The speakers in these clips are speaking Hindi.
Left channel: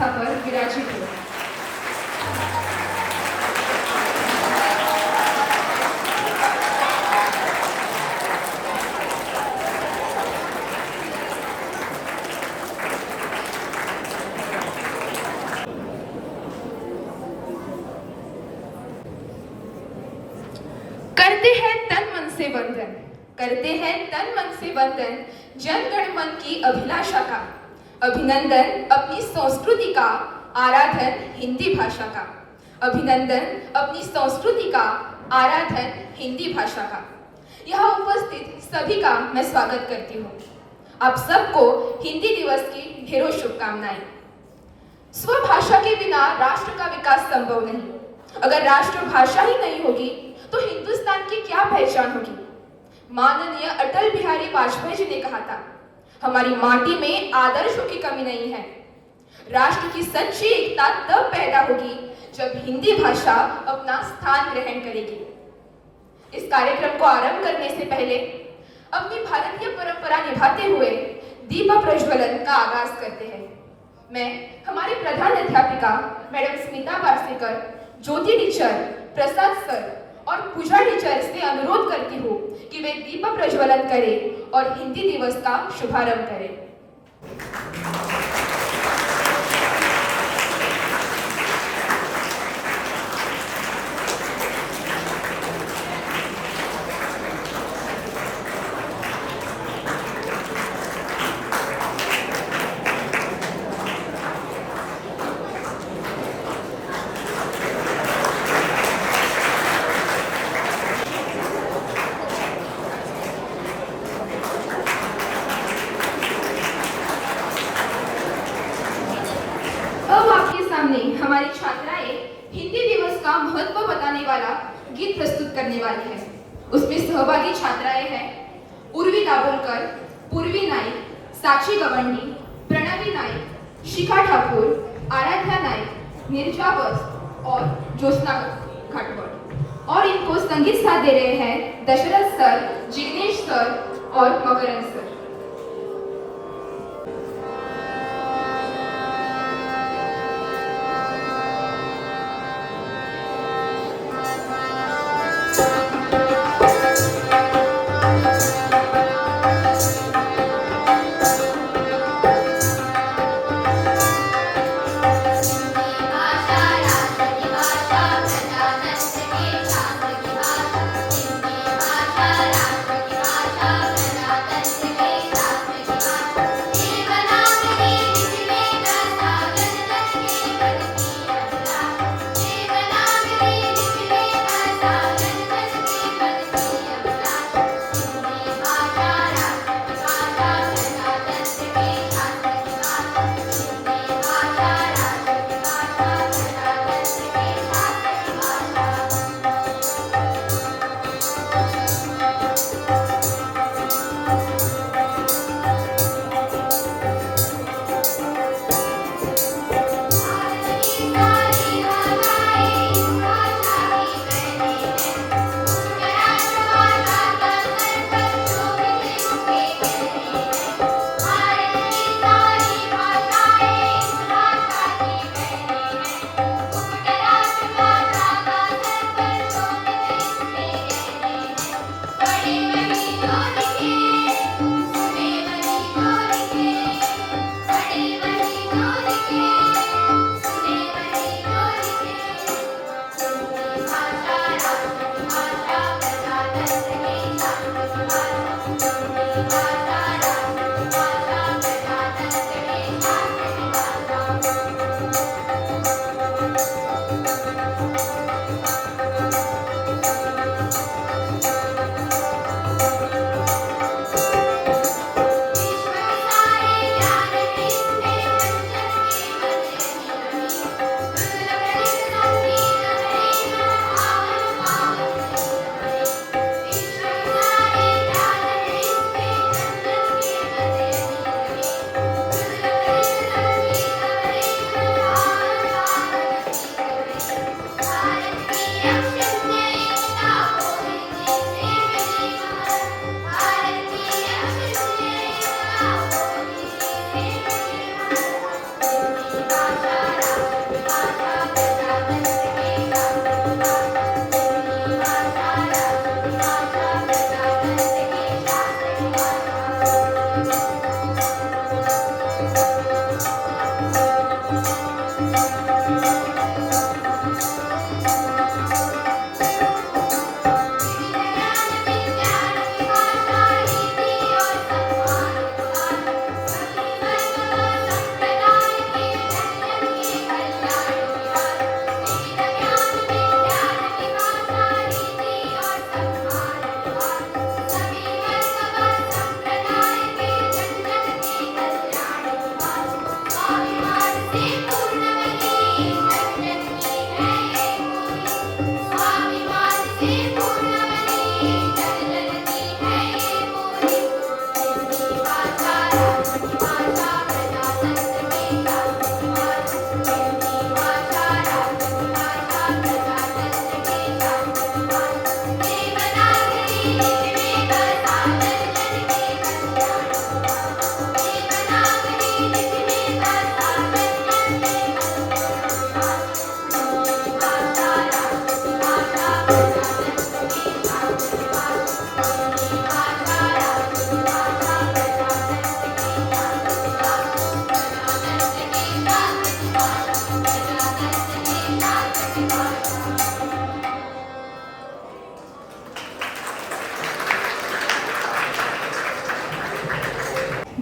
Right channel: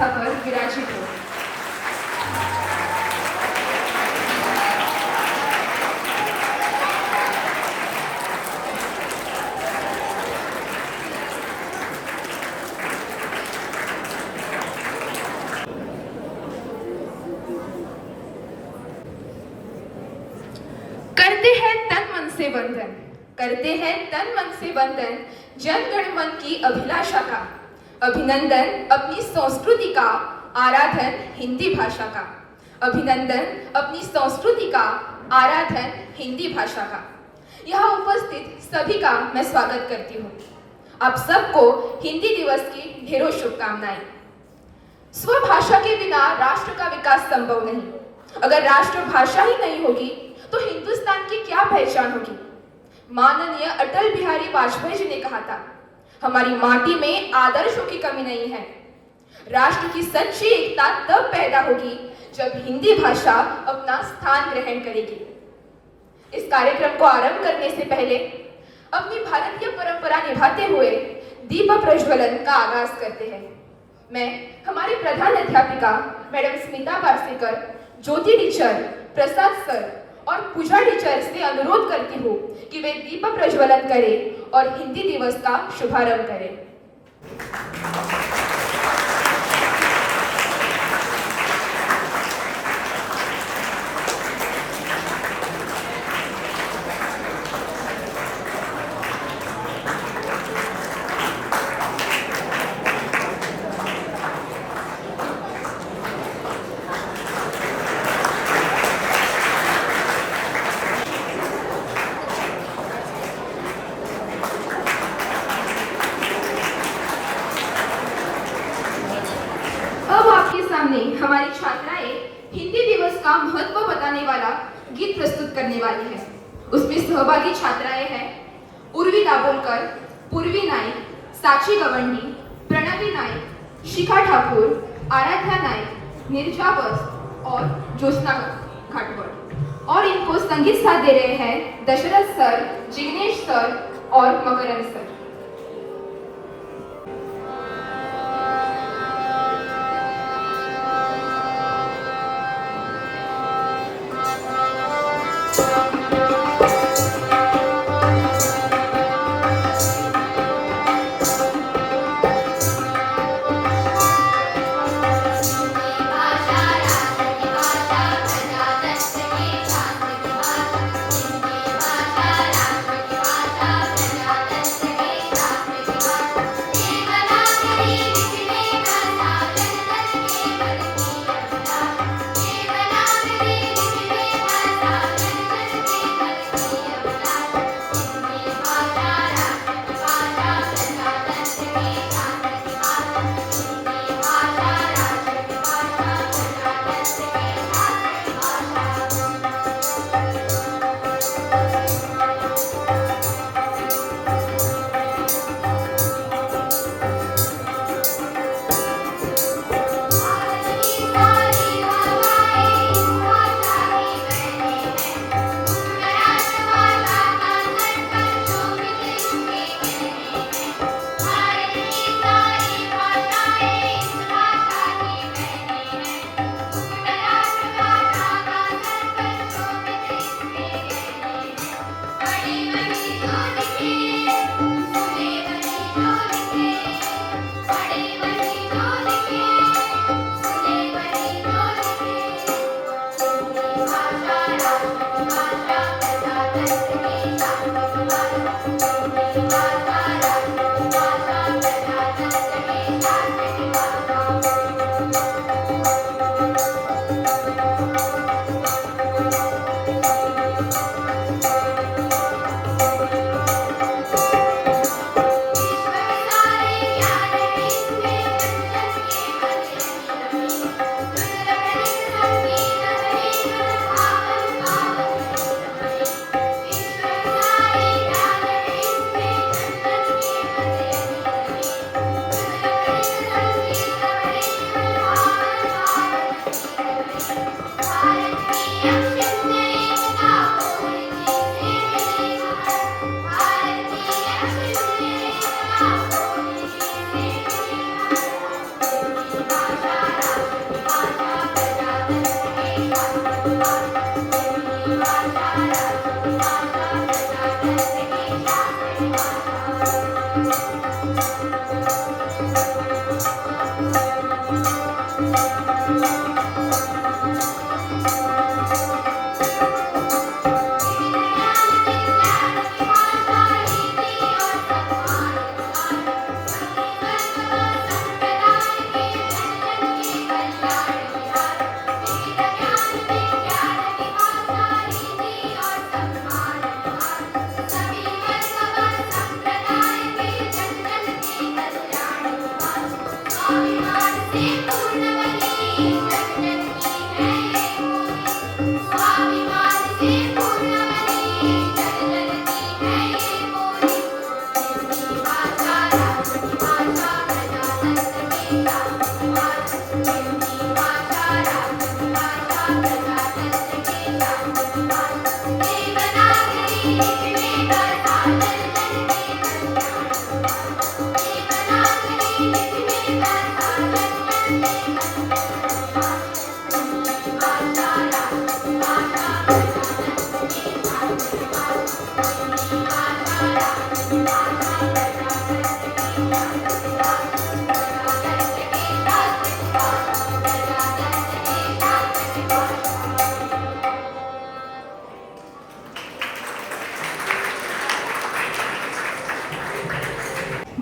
व्यवस्था पर विराजित हो। करते हैं तन मन से वंदन, करते हैं तन मन से वंदन जन गण मन की अभिलाषा का, अभिनंदन अपनी संस्कृति का, आराधन हिंदी भाषा का, अभिनंदन अपनी संस्कृति का, आराधन हिंदी भाषा का। यहाँ उपस्थित सभी का मैं स्वागत करती हूँ। आप सबको हिंदी दिवस की ढेरों शुभकामनाएं। स्वभाषा के बिना राष्ट्र का विकास संभव नहीं। अगर राष्ट्रभाषा ही नहीं होगी तो हिंदुस्तान की क्या पहचान होगी। माननीय अटल बिहारी वाजपेयी जी ने कहा था, हमारी माटी में आदर्शों की कमी नहीं है। राष्ट्र की सच्ची एकता तब पैदा होगी जब हिंदी भाषा अपना स्थान ग्रहण करेगी। इस कार्यक्रम को आरंभ करने से पहले अपनी भारतीय परंपरा निभाते हुए दीप प्रज्वलन का आगाज करते हैं। मैं हमारी प्रधान अध्यापिका मैडम स्मिता वार्सेकर, ज्योति टीचर, प्रसाद सर और पूजा टीचर से अनुरोध करती हूँ कि वे दीप प्रज्वलन करें और हिंदी दिवस का शुभारंभ करें। हमारी छात्राएं हिंदी दिवस का महत्व बताने वाला गीत प्रस्तुत करने वाली है। उसमें सहभागी छात्राएं हैं उर्वी दाभोलकर, पूर्वी नाइक, साक्षी गवंडी, प्रणवी नाइक, शिखा ठाकुर, आराध्या नाइक, निर्जा बस और ज्योत्सना घाटवड़। और इनको संगीत साथ दे रहे हैं दशरथ सर, जिग्नेश सर और मकरंद सर।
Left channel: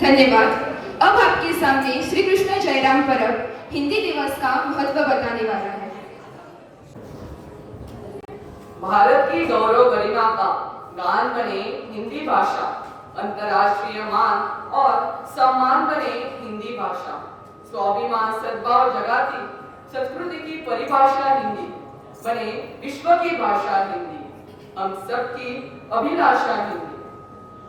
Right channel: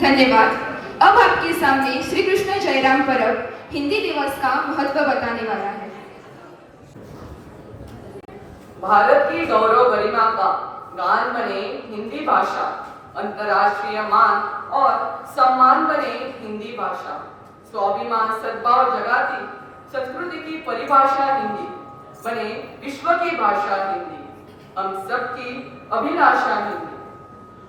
धन्यवाद। अब आपके सामने श्री कृष्ण जयराम परब हिंदी दिवस का महत्व बताने वाला है। भारत की गौरव गरिमा का गान बने हिंदी भाषा, अंतर्राष्ट्रीय मान और सम्मान बने हिंदी भाषा, स्वाभिमान सद्भाव जगाती संस्कृति की परिभाषा हिंदी बने विश्व की भाषा हिंदी, हम सबकी अभिलाषा हिंदी।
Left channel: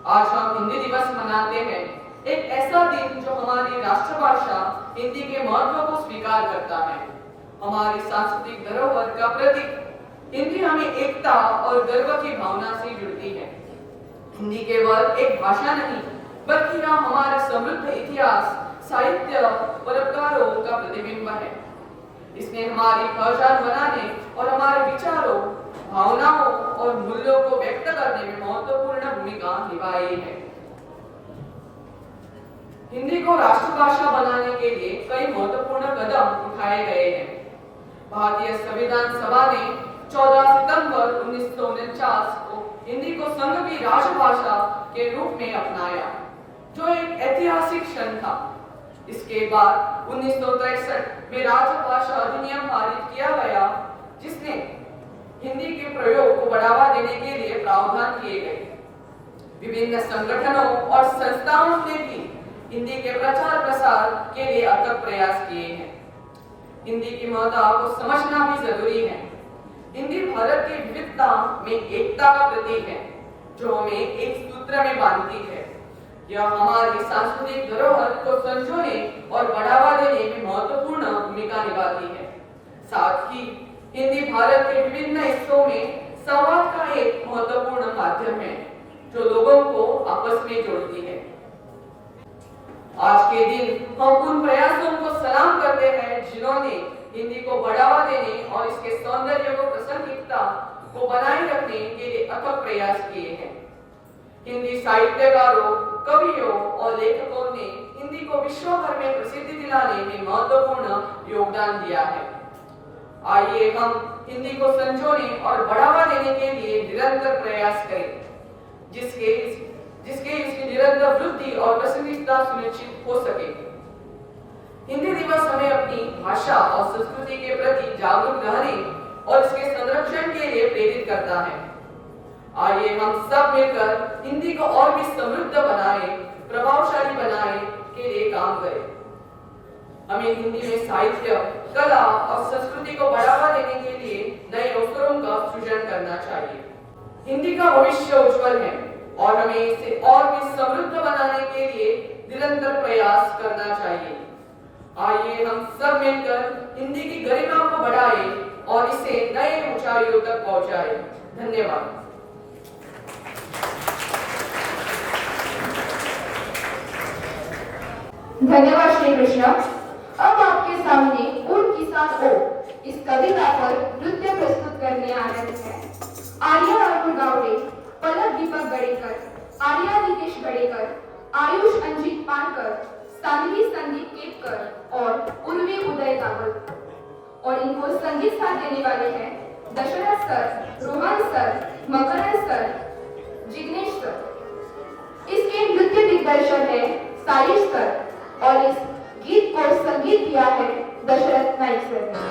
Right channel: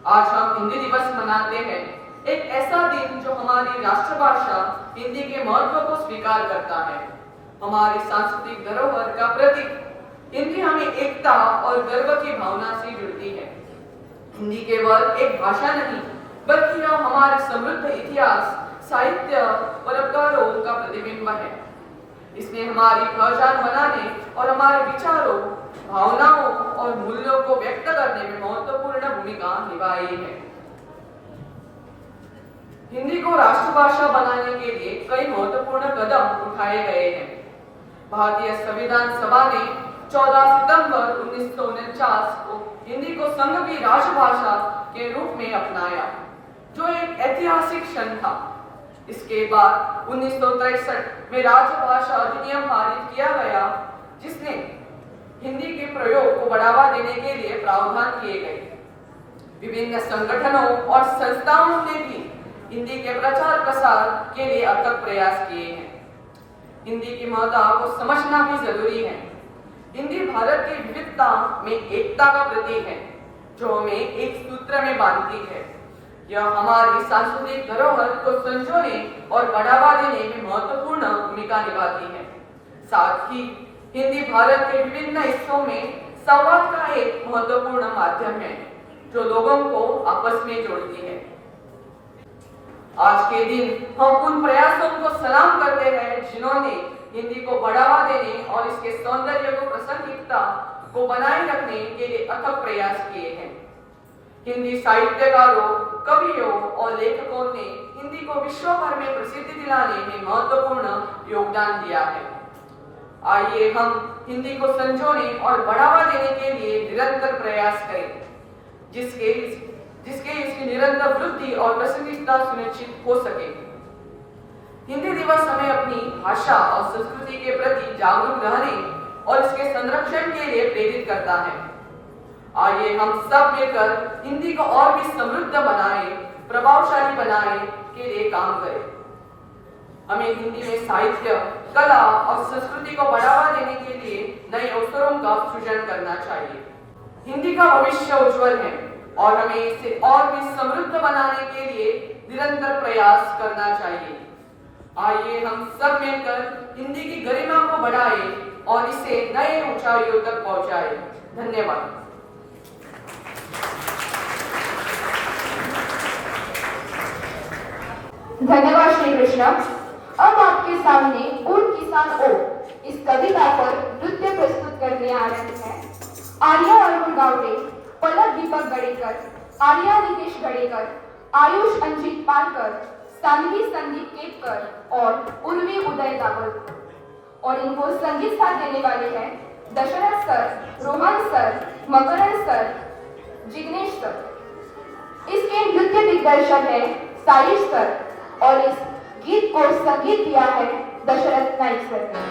आज हम हिंदी दिवस मनाते हैं, एक ऐसा दिन जो हमारी राष्ट्रभाषा हिंदी के महत्व को स्वीकार करता है, हमारी सांस्कृतिक धरोहर का प्रतीक। हिंदी हमें एकता और गर्व की भावना से जुड़ती है। हिंदी केवल एक भाषा नहीं, बल्कि यह हमारे समृद्ध इतिहास, साहित्य, परंपराओं का प्रतिबिंब है। इसने हमारी पहचान बनाने और हमारे विचारों, भावनाओं और मूल्यों को व्यक्त करने में महत्वपूर्ण भूमिका निभाई है। हिंदी को राष्ट्रभाषा बनाने के लिए कई महत्वपूर्ण कदम उठाए गए हैं। भारतीय संविधान सभा ने 14 सितंबर 1949 को हिंदी को संघ की राजभाषा के रूप में अपनाया, जो एक ऐतिहासिक क्षण था। इसके बाद 1963 में राजभाषा अधिनियम पारित किया गया, जिसने हिंदी के प्रयोग को बढ़ावा देने के लिए प्रावधान किए गए। विभिन्न संगठनों और संस्थाओं ने भी हिंदी के प्रचार प्रसार के लिए अथक प्रयास किए हैं। हिंदी की महत्ता को समझना भी जरूरी है। हिंदी भारत की विविधता में एकता का प्रतीक है, जो हमें एक सूत्र में बांधती है। यह हमारी सांस्कृतिक धरोहर को संजोने और बढ़ावा देने में महत्वपूर्ण भूमिका निभाती है। साथ ही हिंदी भारत के विभिन्न हिस्सों में संवाद का एक महत्वपूर्ण माध्यम है, जो लोगों को आपस में जोड़ती है। आज के दिन हम उन प्रयासों को सलाम करते हैं जिन्होंने हिंदी को बढ़ावा देने और इसके सौंदर्य को, प्रासंगिकता को बनाए रखने के लिए अथक प्रयास किए हैं। हिंदी साहित्यकारों, कवियों और लेखकों ने हिंदी को विश्व भर में प्रसिद्धि दिलाने में महत्वपूर्ण योगदान दिया है। आइए हम हिंदी को संजोने और बढ़ावा देने के लिए निरंतर प्रयास करें, जिसके इसकी निरंतर वृद्धि और प्रासंगिकता सुनिश्चित हो सके। हिंदी दिवस हमें अपनी भाषा और संस्कृति के प्रति जागरूक रहने और इसके संरक्षण के लिए प्रेरित करता है। आइए हम सब मिलकर हिंदी को और भी समृद्ध बनाए, प्रभावशाली बनाए के लिए काम करें। हमें हिंदी में साहित्य, कला और संस्कृति को बढ़ावा देने के लिए नए अवसरों का सृजन करना चाहिए। हिंदी का भविष्य उज्जवल है और हमें इसे और भी समृद्ध बनाने के लिए निरंतर प्रयास करना चाहिए। आइए हम सब मिलकर हिंदी की गरिमा को बढ़ाएं और इसे नए ऊंचाइयों तक पहुंचाएं। धन्यवाद। धन्यवाद श्री कृष्ण। अब आपके सामने उन किसान ओ इस कविता पर नृत्य प्रस्तुत करने आ रहे हैं आर्या अरुण गावड़े, पलक दीपक गड़ेकर, आर्या निकेश गड़ेकर, आयुष अंजित पानकर, सानवी संदीप केतकर और उर्वी उदय दावत। और इनको संगीत साथ देने वाले हैं दशरथ सर, रोहन सर, मकरंद सर, जिग्नेश सर। इसके नृत्य दिग्दर्शक है सारिश सर और इस गीत को संगीत दिया है दशरथ नाइक सर ने।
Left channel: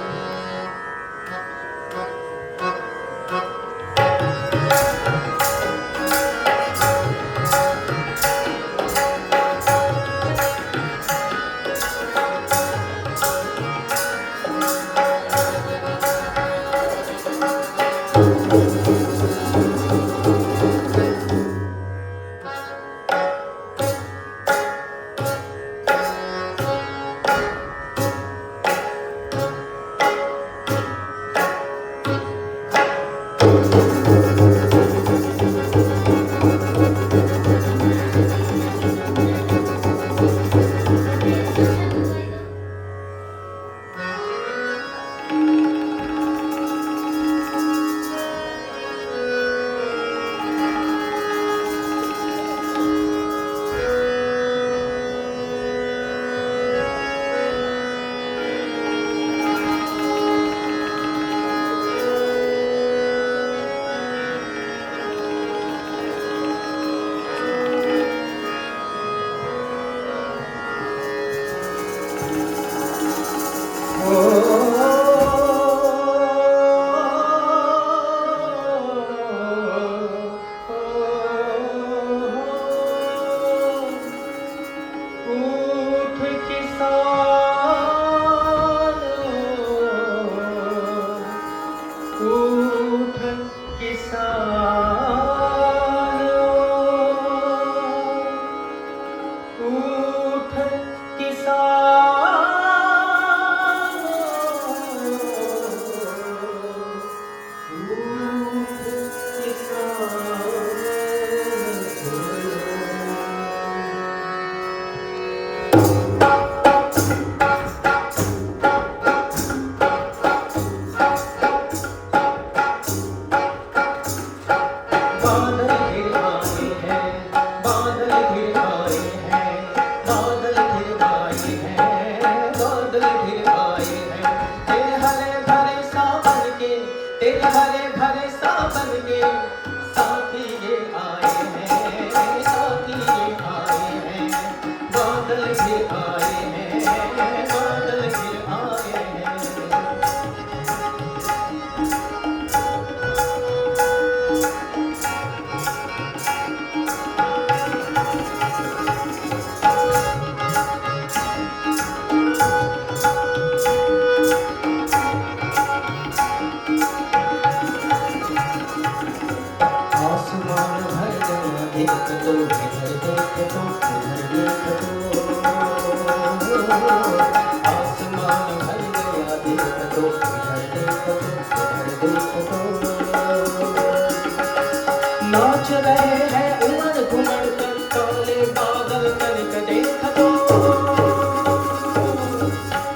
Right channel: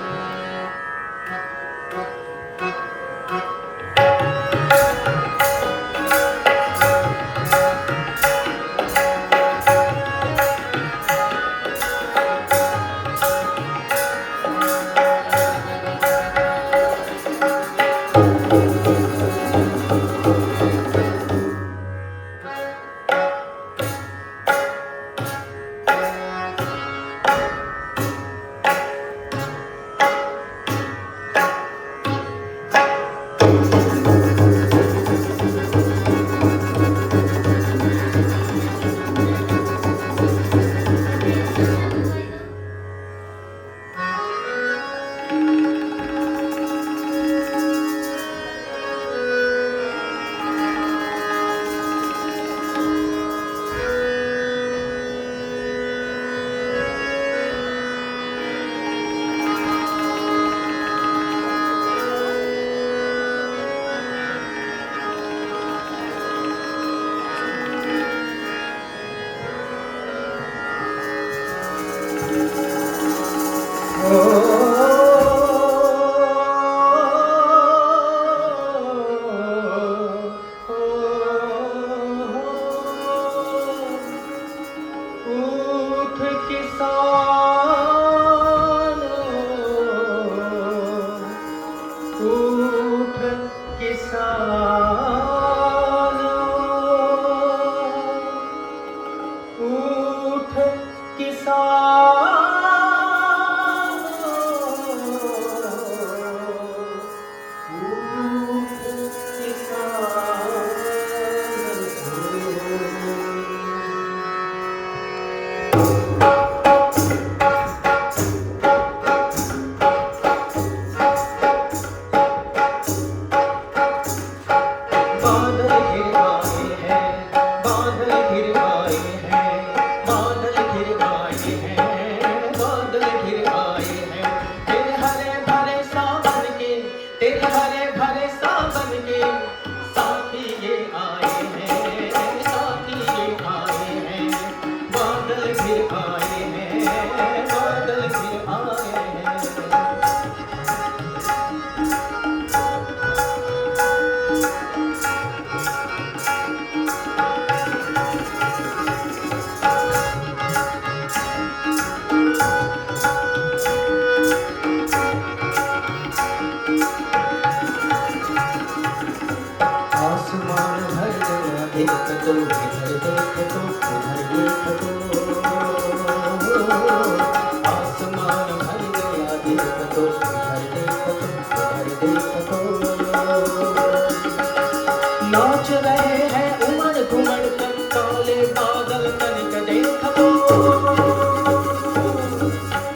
नाच रहे हैं उमड़ घुमड़ कर काले बादल तनिक देख दो।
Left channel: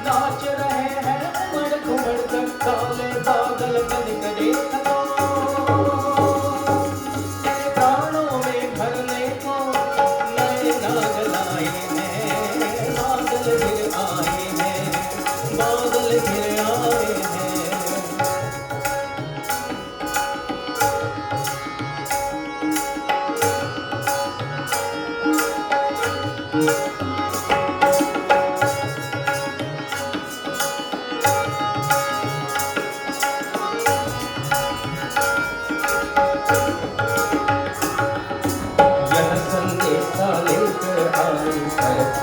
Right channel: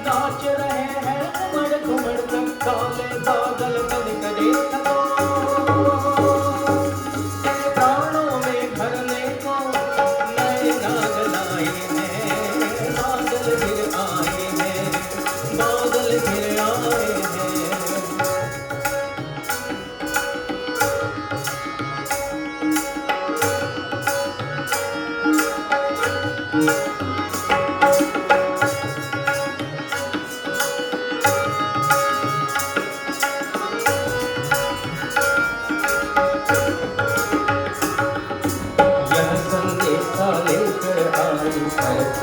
नाच रहे हैं उमड़ घुमड़ कर काले बादल तनिक देख दो। तेरे प्राणों में भरने को नए नाग लाए हैं। बादल फिर आए हैं, बादल फिर आए हैं।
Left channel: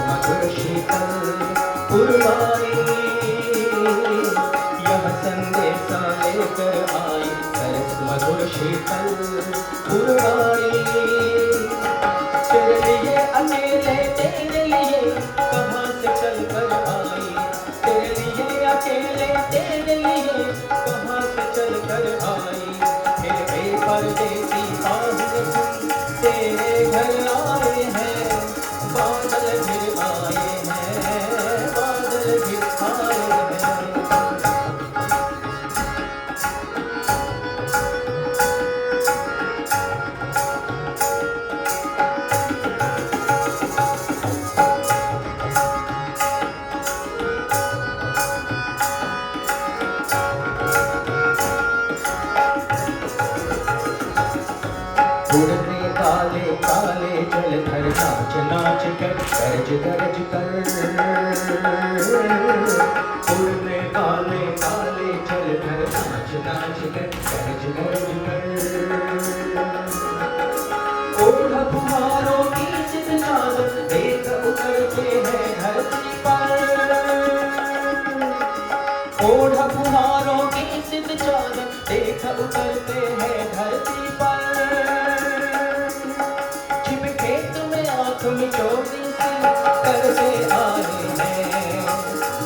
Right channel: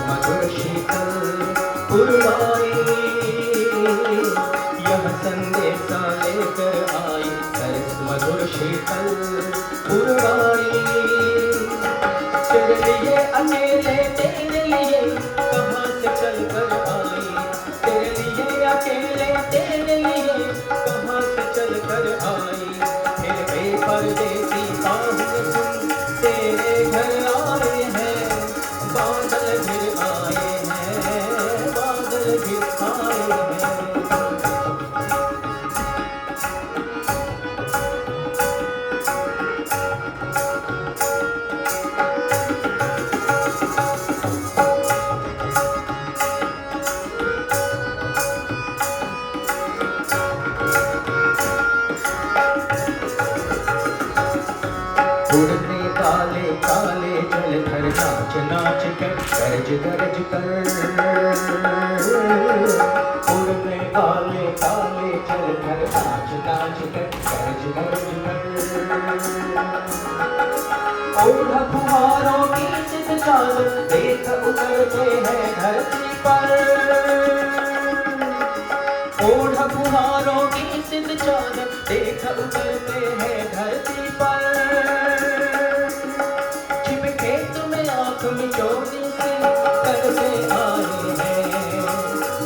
मधुर शीतल पुरवाई, यह संदेशा लेकर आई सरस मधुर शीतल पुरवाई। तेरे लिए अकेले तेरे लिए कहाँ से चल कर आई। तेरे लिए अकेले तेरे लिए कहाँ से चल कर आई। फिर बेपरदेसी बाहुन सुन तेरे घर आए हैं। बादल फिर आए हैं, बादल फिर आए हैं। उड़ने काले काले जलधर नाच नाच कर गरज गरज कर। उड़ने काले काले जलधर नाच नाच कर गरज गरज कर। ओढ़ फुहारों की चित चादर देख उतरते हैं धरती पर। ओढ़ फुहारों की चित चादर देख उतरते हैं धरती पर। छिप खेत में आँख मिचोली से करके आए हैं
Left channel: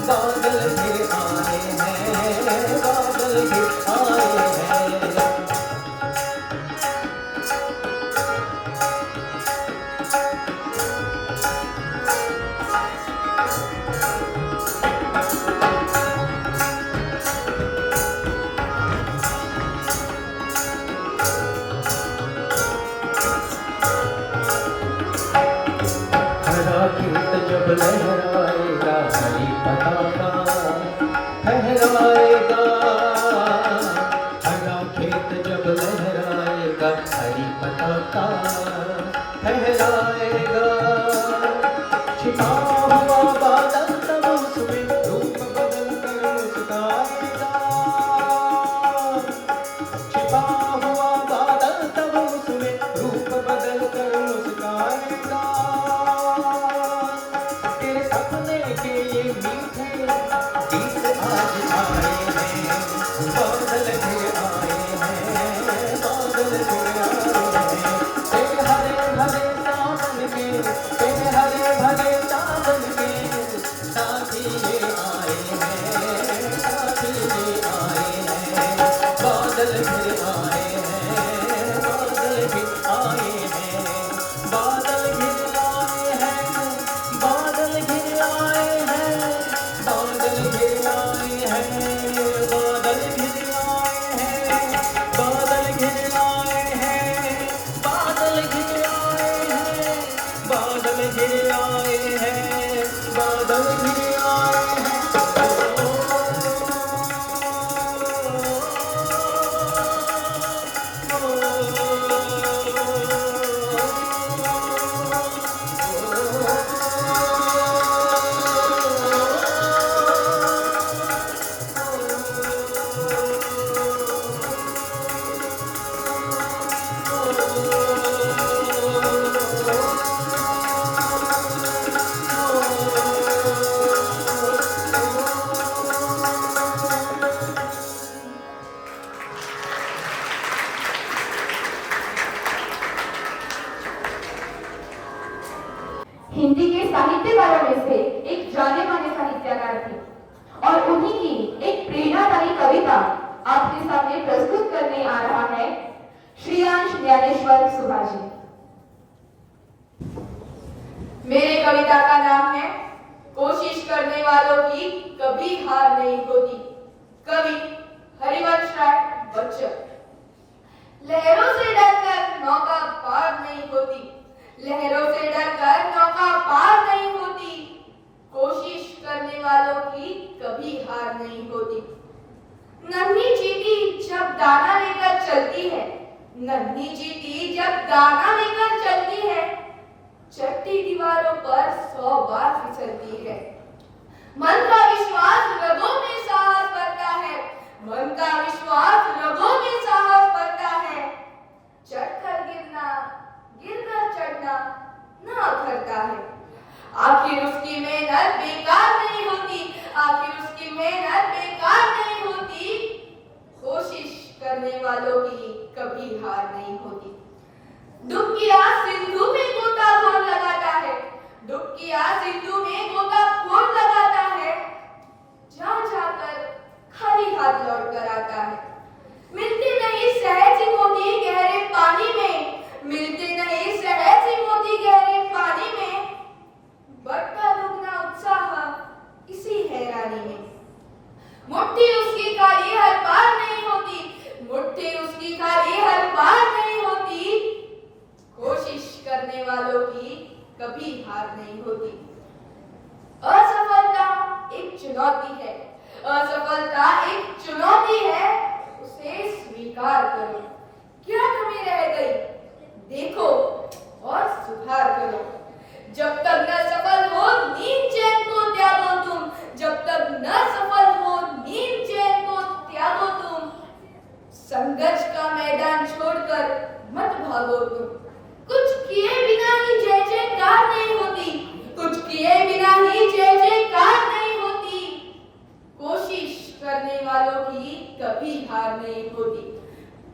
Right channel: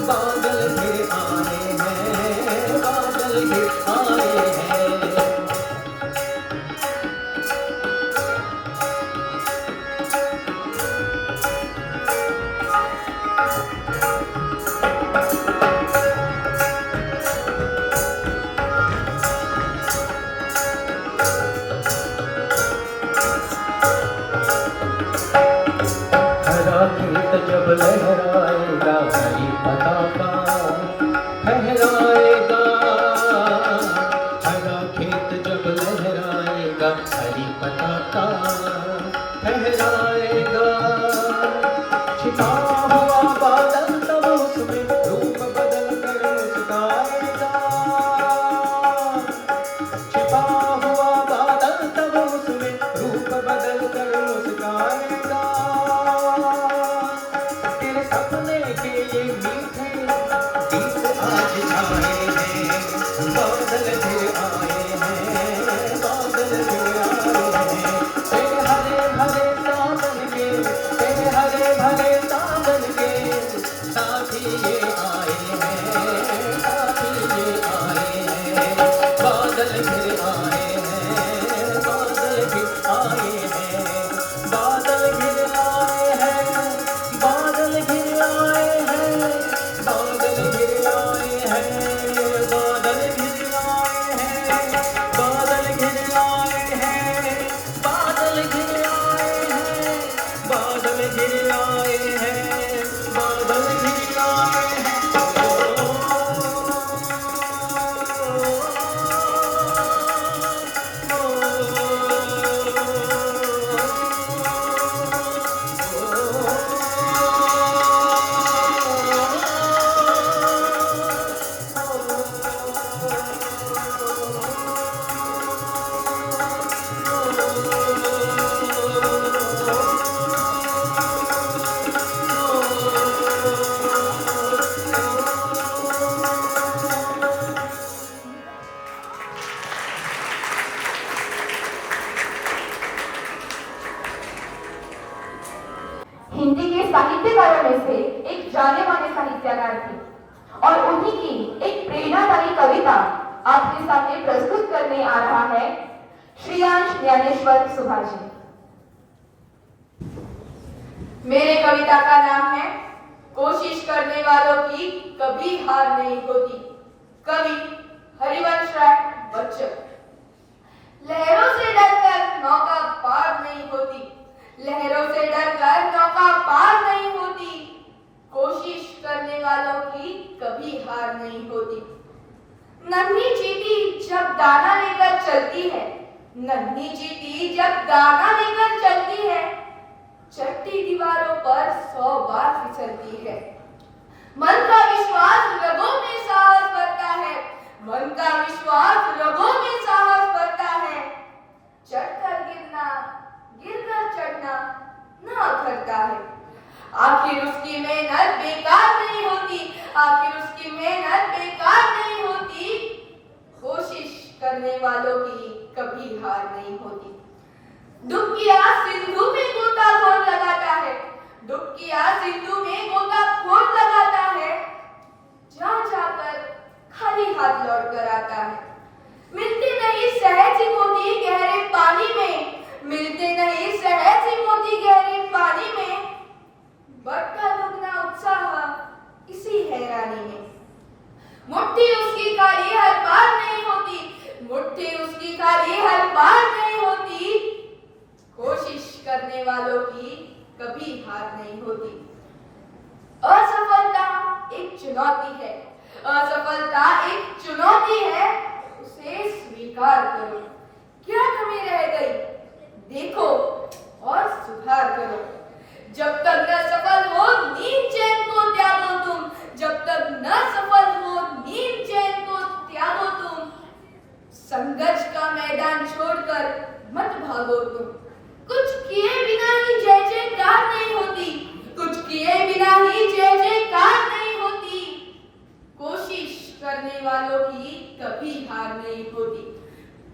बादल घिर आए हैं, बादल घिर आए हैं। खेत जब लहराएगा हरी पताका फहराएगा। हरा खेत जब लहराएगा हरी पताका फहराएगा। छिपा हुआ बादल तब उसमें रूप बदल कर मुस्काएगा। छिपा हुआ बादल तब उसमें रूप बदल कर मुस्काएगा। सपने के ये मीठे गीत आज आए हैं बादल घिर आए हैं, बादल घिर आए हैं। तेरे हरे भरे सावन के, तेरे हरे भरे सावन के साथी ये आए हैं, साथी ये आए हैं। बादल घिर आए हैं, बादल घिर आए हैं, बादल घिर आए हैं, बादल घिर आए हैं, बादल घिर आए हैं, बादल घिर आए हैं, बादल घिर आए हैं, बादल घिर आए हैं, बादल घिर आए हैं, बादल घिर आए हिंदी के साहित्यकारों में से एक जाने माने साहित्यकार थे और उन्हीं की एक प्रेरणादायी कविता आपके सामने प्रस्तुत करने आ रहा है श्रीयांश ज्ञानेश्वर सुभाषी। मेरे कविता का नाम है कोशिश करने वालों की कभी हार नहीं होती। कवि हरिवंश राय बच्चन। लहरों से डरकर नौका पार नहीं होती, लहरों से डरकर नौका पार नहीं होती। कोशिश करने वालों की कभी हार नहीं होती। नन्ही चींटी जब दाना लेकर चलती है, नन्ही चींटी जब दाना लेकर चलती है, चट्टी दीवारों पर 100 बार फिसलती है। मन का विश्वास रगों में साहस भरता है, मन का विश्वास रगों में साहस भरता है। चढ़कर गिरना, गिरकर चढ़ना ना करता है। आखिर उसकी मेहनत बेकार नहीं होती, आखिर उसकी मेहनत बेकार नहीं होती। कोशिश करने वालों की कभी हार नहीं होती। डुबकिया सिंधु में गोताखोर लगाता है, डुबकिया सिंधु में गोताखोर लगाता है। जा जाकर खाली हाथ लौट कर आता है। मिलते नहीं सहज ही मोती गहरे पानी में, मिलते नहीं सहज ही मोती गहरे पानी में। बढ़ता दुगना उत्साह इसी हैरानी में। मुट्ठी उसकी खाली हर बार नहीं होती, मुट्ठी उसकी खाली हर बार नहीं होती। कोशिश करने वालों की कभी हार नहीं होती। असफलता एक चुनौती है, असफलता एक चुनौती है, उसे स्वीकार करो। क्या कमी रह गई? देखो और सुधार करो। जब तक न सफल हो नींद चैन को त्यागो तुम, जब तक न सफल हो नींद चैन को त्यागो तुम। संघर्ष का मैदान छोड़कर मत भागो तुम। कुछ किए बिना ही जय जयकार नहीं होती, कुछ किए बिना ही जय जयकार नहीं होती। कोशिश करने वालों की कभी हार नहीं होती,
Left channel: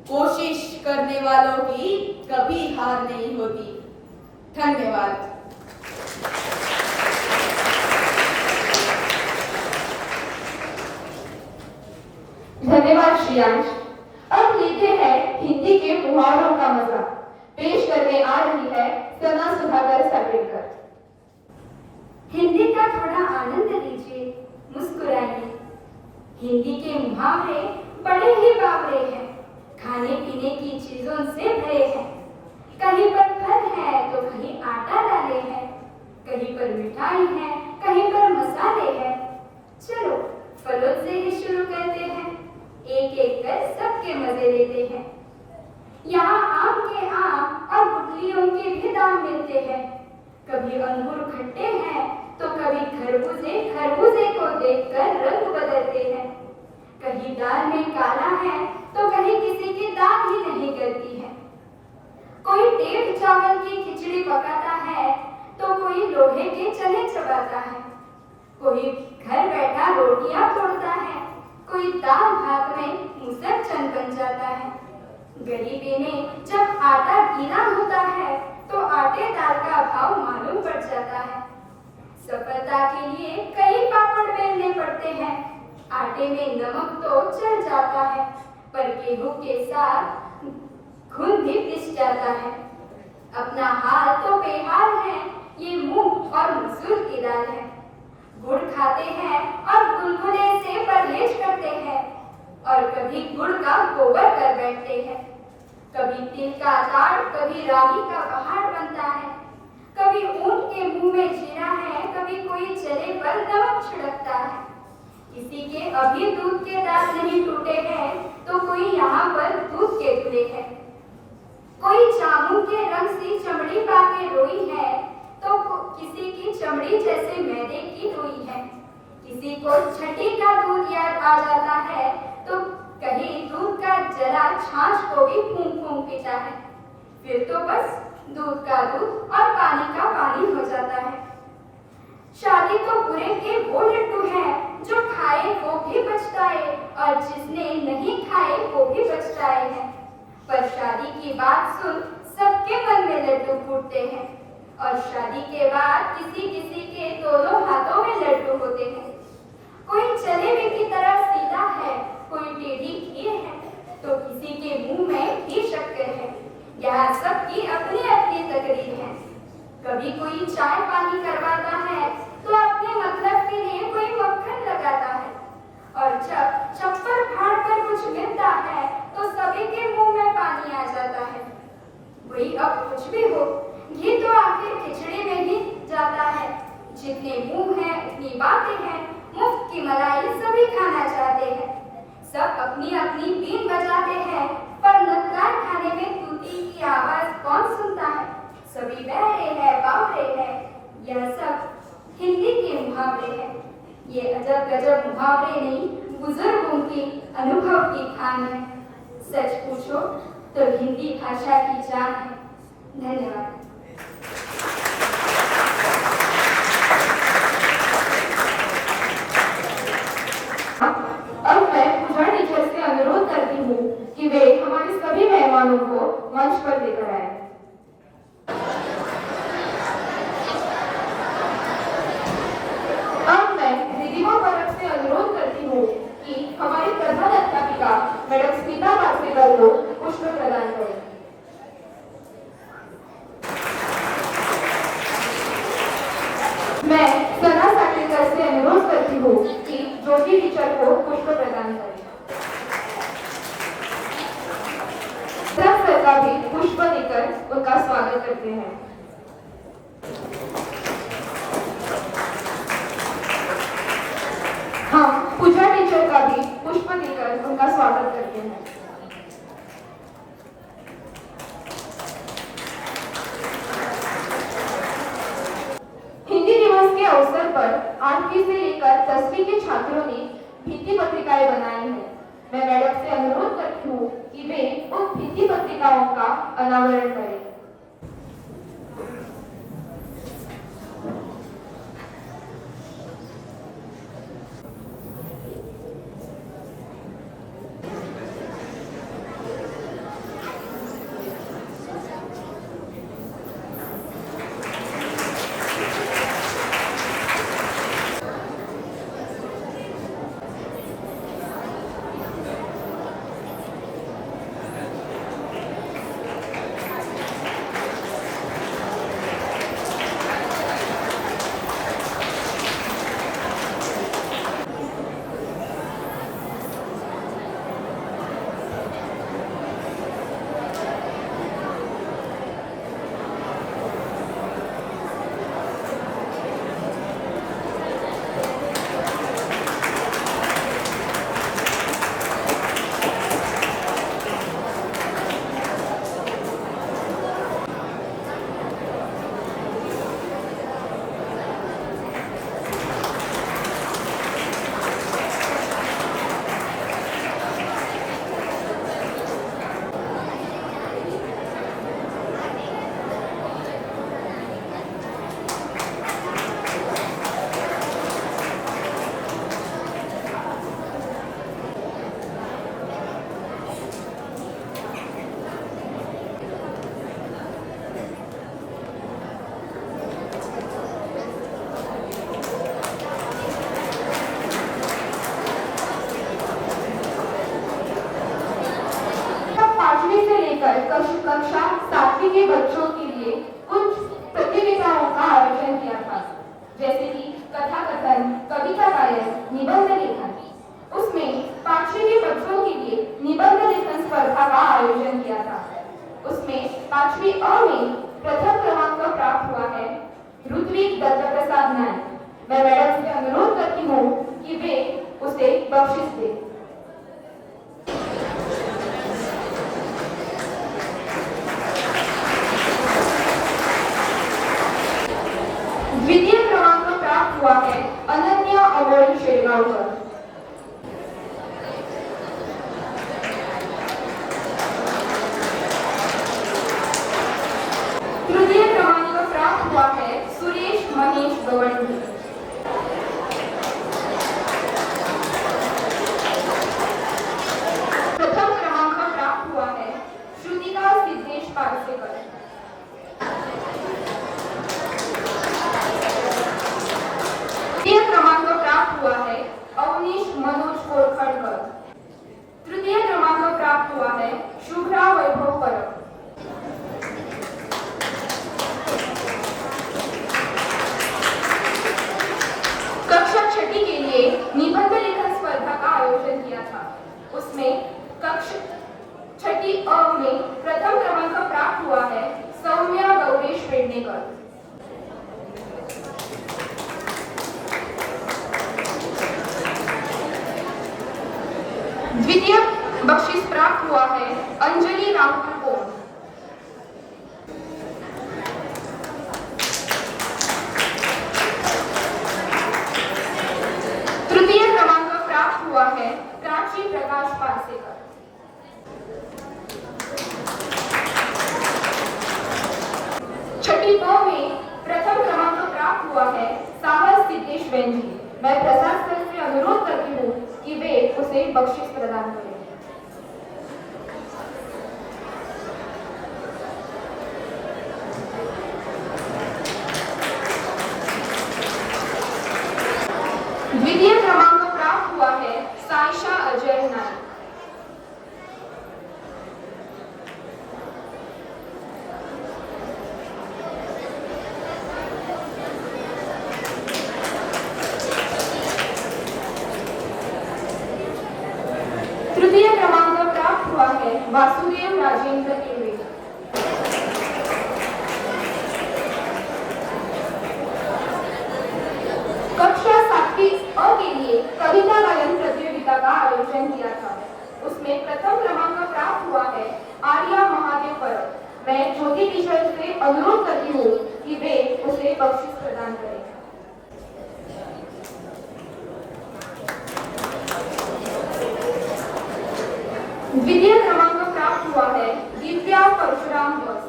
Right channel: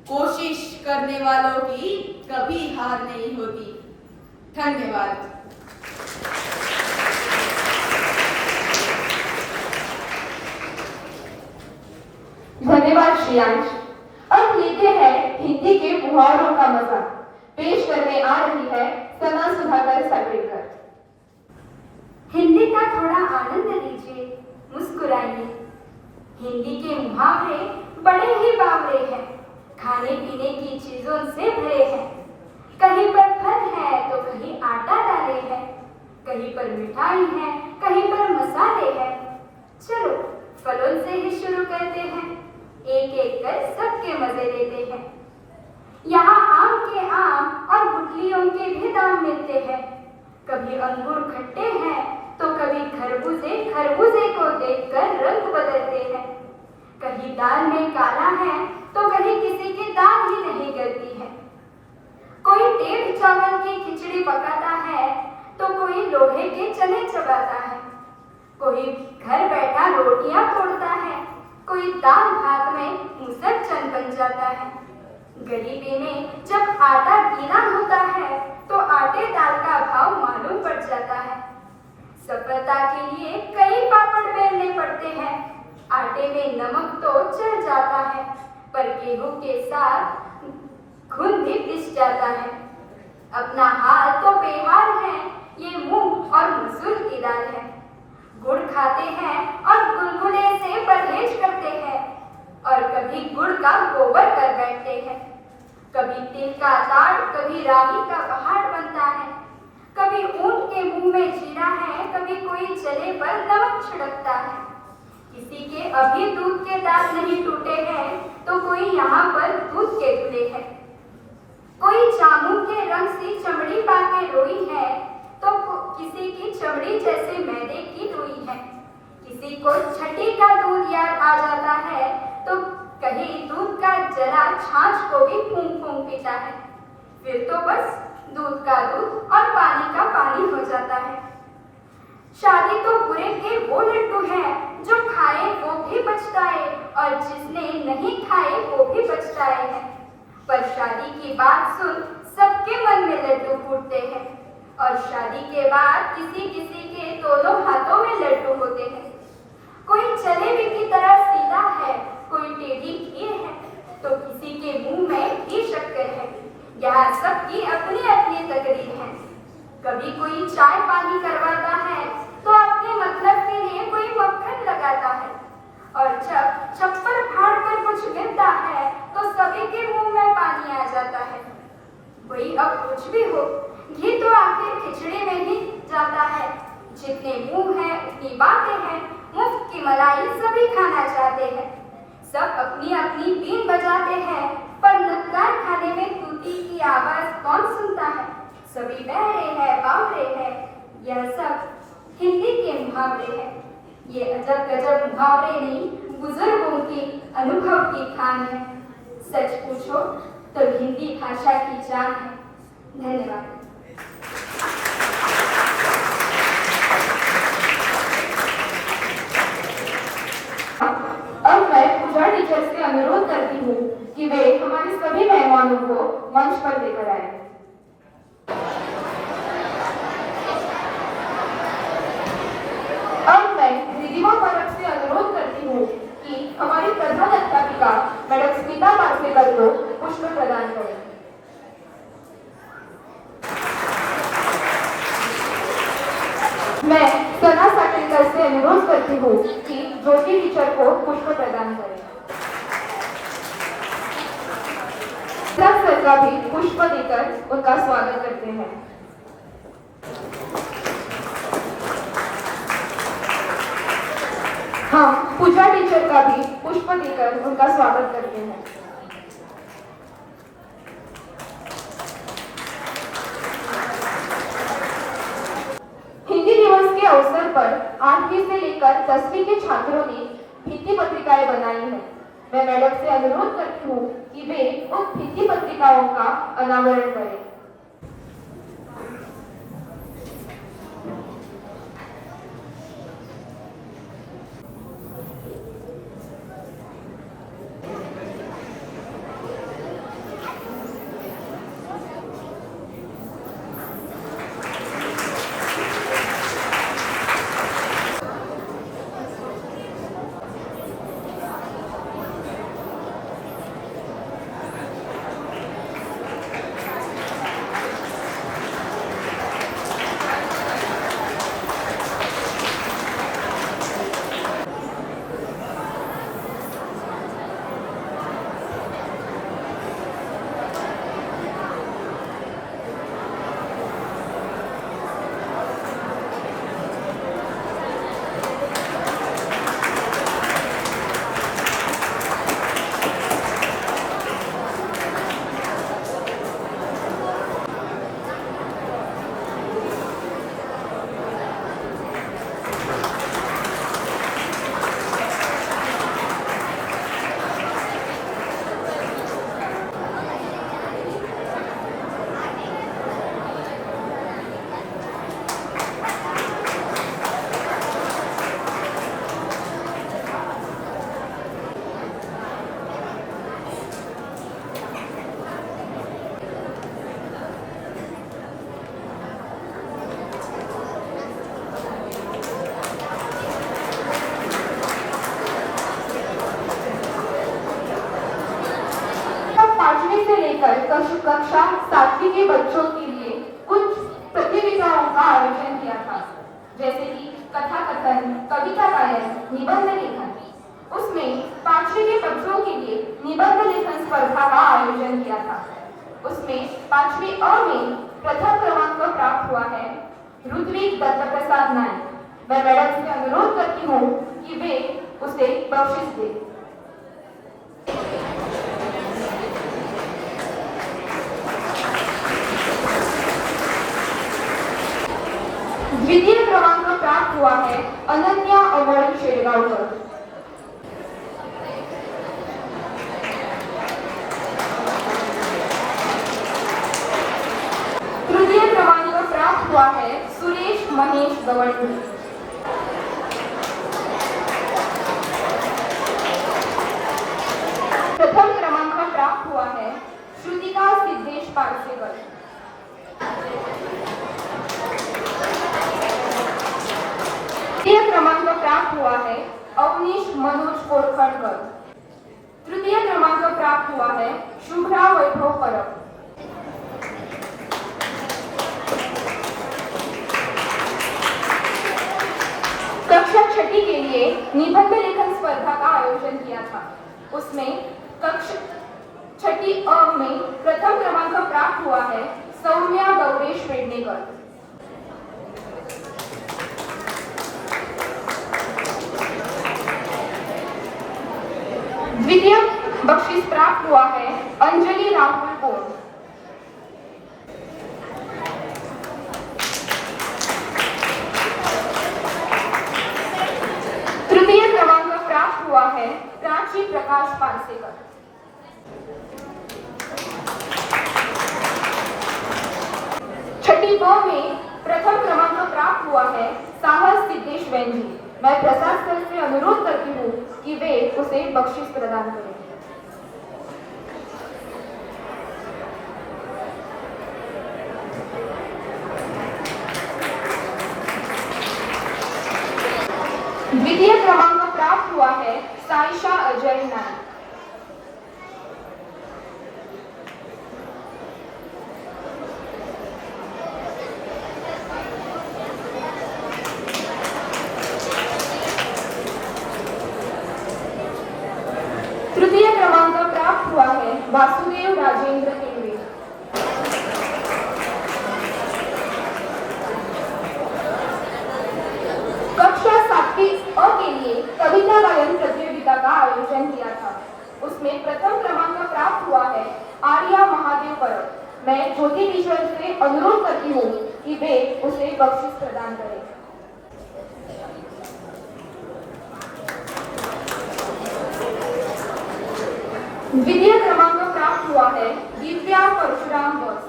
कोशिश करने वालों की कभी हार नहीं होती। धन्यवाद। धन्यवाद श्रेयांश। अब लेते हैं हिंदी के मुहावरों का मजा। पेश करने आ रही है सना सुधाकर साकेतकर। हिंदी का थोड़ा आनंद लीजिए, मुस्कुराइए। हिंदी के मुहावरे बड़े ही बावरे हैं, खाने पीने की चीजों से भरे हैं। कहीं पर फल है तो कहीं आटा डाले हैं, कहीं पर मिठाई है कहीं पर मसाले हैं। चलो फलों से ही शुरू करते हैं, एक एक कर सबके मजे लेते हैं। यहाँ आम के आम और गुठलियों के भी दाम मिलते हैं। कभी अंगूर खट्टे हैं तो कभी खरबूजे खरबूजे को देखकर रंग बदलते हैं। कहीं दाल में काला है तो कहीं किसी की दाल ही नहीं गलती है। कोई टेढ़ चावल की खिचड़ी पकाता है तो कोई लोहे के चने चबाता है। कोई घर बैठा रोटियां तोड़ता है, कोई दाल भात में मुसर चंद बन जाता है। गरीबी में जब आटा गीला होता है तो आटे दाल का भाव मालूम पड़ जाता है। सफलता के लिए कई पापड़ बेलने पड़ते हैं। आटे में नमक तो चल जाता है, पर गेहूं के साथ घुन भी पिस जाता है। अपना हाल तो बेहाल है, ये मूंग और मसूर की दाल है। गुड़ खाते हैं और गुलगुले से परहेज करते हैं, और कभी गुड़ का गोबर कर बैठते हैं। कभी तिल का लाड़ कभी रागी का पहाड़ बनता है। कभी ऊंट के मुंह में जीरा है, कभी कोई चले पर नमक छिड़कता है। किसी के अभी दूध के दांत नहीं टूटे हैं तो कोई यहाँ पर दूध के खुले हैं। कोई जामुन के रंग सी चमड़ी पाके रोई है तो किसी की चमड़ी जैसे मैदे की रोई है। किसी को छठी का दूध याद आ जाता है तो कहीं दूध का जरा छाछ को भी फूंक फूंक पीता है। फिर तो बस दूध का दूध और पानी का पानी हो जाता है। शादी तो बुरे के वो लड्डू हैं जो खाए वो भी पछताए और जिसने नहीं खाए वो भी पछताए हैं। पर शादी की बात सुन सबके मन में लड्डू फूटते हैं, और शादी के बाद किसी किसी के दोनों हाथों में लड्डू होते हैं। कोई जलेबी की तरह सीधा है, कोई टेढ़ी खीर है तो किसी के मुंह में घी शक्कर है। यहाँ सबकी अपनी अपनी तकरीर है। कभी कोई चाय पानी करवाता है तो अपने मतलब के लिए कोई मक्खन लगाता है, और जब चप्पल फाड़ कर कुछ गिरता है तो सभी के मुंह में पानी आ जाता है। वही अब कुछ भी हो, घी तो आखिर खिचड़ी में ही जाता है। जितने मुंह है उतनी बातें हैं, मुफ्त की मलाई सभी खाना चाहते हैं। सब अपनी अपनी बीन बजाते हैं, पर नकार खाने में तूती की आवाज कौन सुनता है। सभी बहरे हैं बावरे हैं, यह सब हिंदी के मुहावरे हैं। ये अजब गजब मुहावरे नहीं, बुजुर्गों की अनुभव की खान है। सच पूछो तो हिंदी भाषा की जान है। धन्यवाद। अब मैं पूजा टीचर से अनुरोध करती हूँ कि वे हमारे सभी मेहमानों को मंच पर लेकर आए। अब मैं दीदीयों तरफ से अनुरोध करती हूँ कि हमारी प्रधान अध्यापिका मैडम स्मिता मार्सेकर को पुष्प प्रदान करें। मैं सना साकेतकर से अनुरोध करती हूँ कि ज्योति टीचर को पुष्प प्रदान करें। सर का भी पुष्प देकर उनका स्वागत करते हैं। हम पूजा टीचर का भी पुष्प देकर उनका स्वागत करते हैं। छात्रों ने भित्ति पत्रिकाएं बनाई हैं। मैं मैडम से अनुरोध करती हूँ कि वे उन भित्ति पत्रिकाओं का अनावरण करें। कक्षा 7वीं के बच्चों के लिए कुछ प्रतियोगिताओं का आयोजन किया था, जैसे कि कथा कथन, कविता गायन, निबंध लेखन। उसमें 5वीं के बच्चों के लिए निबंध लेखन स्पर्धा का आयोजन किया था। उसमें 5वीं अ में प्रथम क्रमांक प्राप्त हुआ है ऋत्विक दत्त प्रसाद नायक। मैं मैडम से अनुरोध करती हूँ कि वे उसे बख्शिश दें। द्वितीय क्रमांक प्राप्त हुआ है अनन्या अमोल शेरगांवकर। तृतीय क्रमांक प्राप्त हुआ है सुरेश महेश गवंडी। प्रथम क्रमांक प्राप्त हुआ है श्रुतिका सिद्धेश पारसेकर। तृतीय क्रमांक प्राप्त हुआ है अवनीश मनोज कोरखड़कर। तृतीय क्रमांक प्राप्त हुआ है शुभ्रा वैभव परब। कक्षा 6 के लिए निबंध लेखन स्पर्धा का आयोजन किया था। उसमें कक्षा 6 अ में प्रथम क्रमांक प्राप्त हुआ है सौम्या गौरेश वेडनेकर। द्वितीय बख्शीश प्राप्त हुआ है अंजलि राहुल को। तृतीय क्रमांक प्राप्त हुआ है प्राची प्रकाश पारसेकर। छठी ब में प्रथम क्रमांक प्राप्त हुआ है साहस सिद्धेश वेंजी। मैं प्रशासन से अनुरोध करती हूँ कि वे उसे बख्शिश प्रदान करें। द्वितीय क्रमांक प्राप्त हुआ है साइशा अजय नायक। तृतीय क्रमांक प्राप्त हुआ है वासुदेव राजेंद्र केड़वे। कक्षा 7वीं अ के लिए कविता गायन प्रतियोगिता का आयोजन किया था। उसमें प्रथम क्रमांक प्राप्त हुआ है आर्या महादेव परब। मैं ज्योति टीचर से अनुरोध करती हूँ कि वे उसे बख्शिश प्रदान करें। द्वितीय क्रमांक प्राप्त हुआ है दिव्या परशुराम बोस।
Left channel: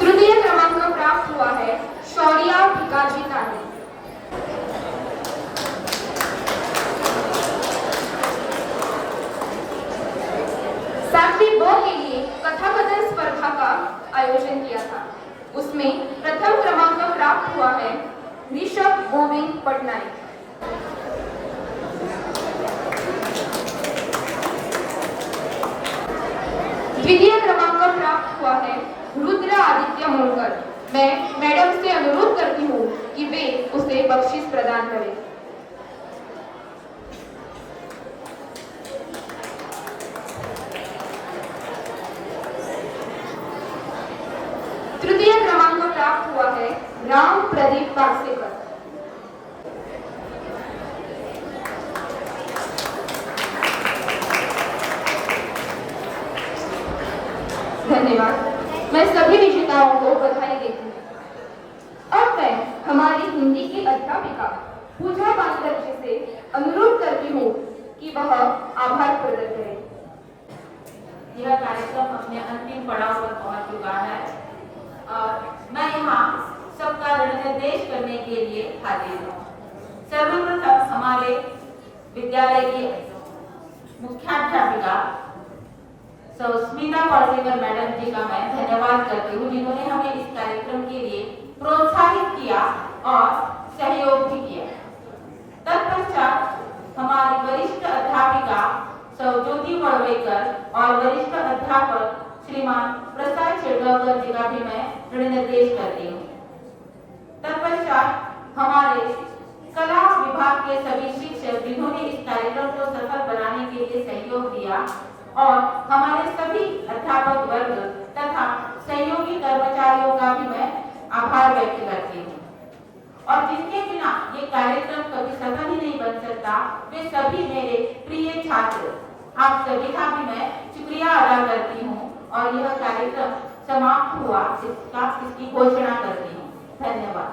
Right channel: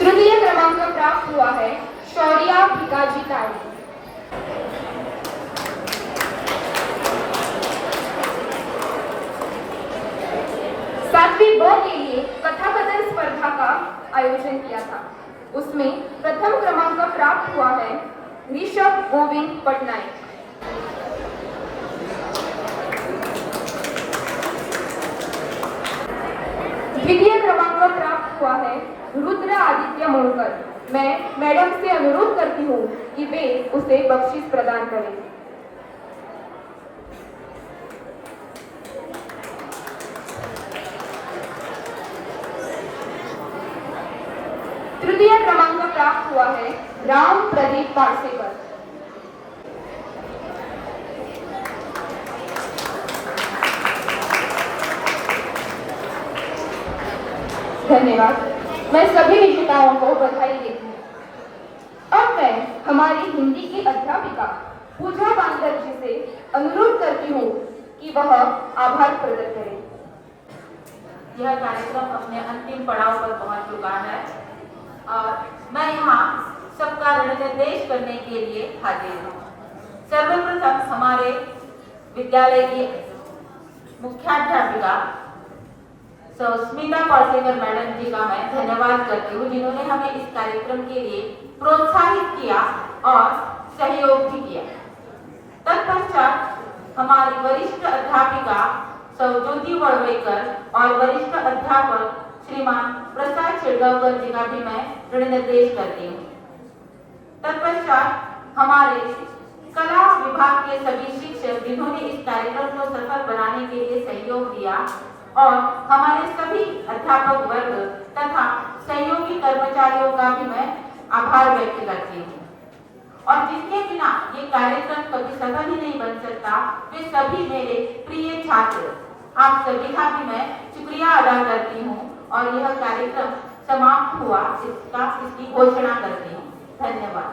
तृतीय क्रमांक प्राप्त हुआ है शौर्या भिकाजी तावड़े। सातवीं ब के लिए कथाकथन स्पर्धा का आयोजन किया था। उसमें प्रथम क्रमांक प्राप्त हुआ है ऋषभ गोविंद पटनायक। द्वितीय क्रमांक प्राप्त हुआ है रुद्र आदित्य मुलकर। मैं मैडम से अनुरोध करती हूँ कि वे उसे बख्शीश प्रदान करें। तृतीय क्रमांक प्राप्त हुआ है राम प्रदीप पारसेकर। धन्यवाद। मैं सभी विजेताओं को बधाई देती हूँ। अब मैं हमारी हिंदी की अध्यापिका पूजा बांदर जी से अनुरोध करती हूँ कि वह आभार प्रकट करें। यह कार्यक्रम अपने अंतिम पड़ाव पर पहुंच चुका है और मैं यहाँ सबका निर्देश करने के लिए हाजिर हूँ। सर्वप्रथम हमारे विद्यालय की मुख्याध्यापिका स्मिता पारसेकर मैडम जी का मैं धन्यवाद करती हूँ, जिन्होंने हमें इस कार्यक्रम के लिए प्रोत्साहित किया और सहयोग भी किया। तत्पश्चात हमारी वरिष्ठ अध्यापिका ज्योति वड़वेकर और वरिष्ठ अध्यापक श्रीमान प्रसाद शिरगांवकर जी का भी मैं ऋण निर्देश करती हूँ। तत्पश्चात हमारे कला विभाग के सभी शिक्षक जिन्होंने इस कार्यक्रम को सफल बनाने के लिए सहयोग दिया और हमारे सभी अध्यापक वर्ग तथा सहयोगी कर्मचारियों का भी मैं आभार व्यक्त करती हूँ। और जिनके बिना ये कार्यक्रम कभी सफल ही नहीं बन सकता, वे सभी मेरे प्रिय छात्र, आप सभी का भी मैं शुक्रिया अदा करती हूँ और यह कार्यक्रम समाप्त हुआ इसकी घोषणा करती हूँ। धन्यवाद।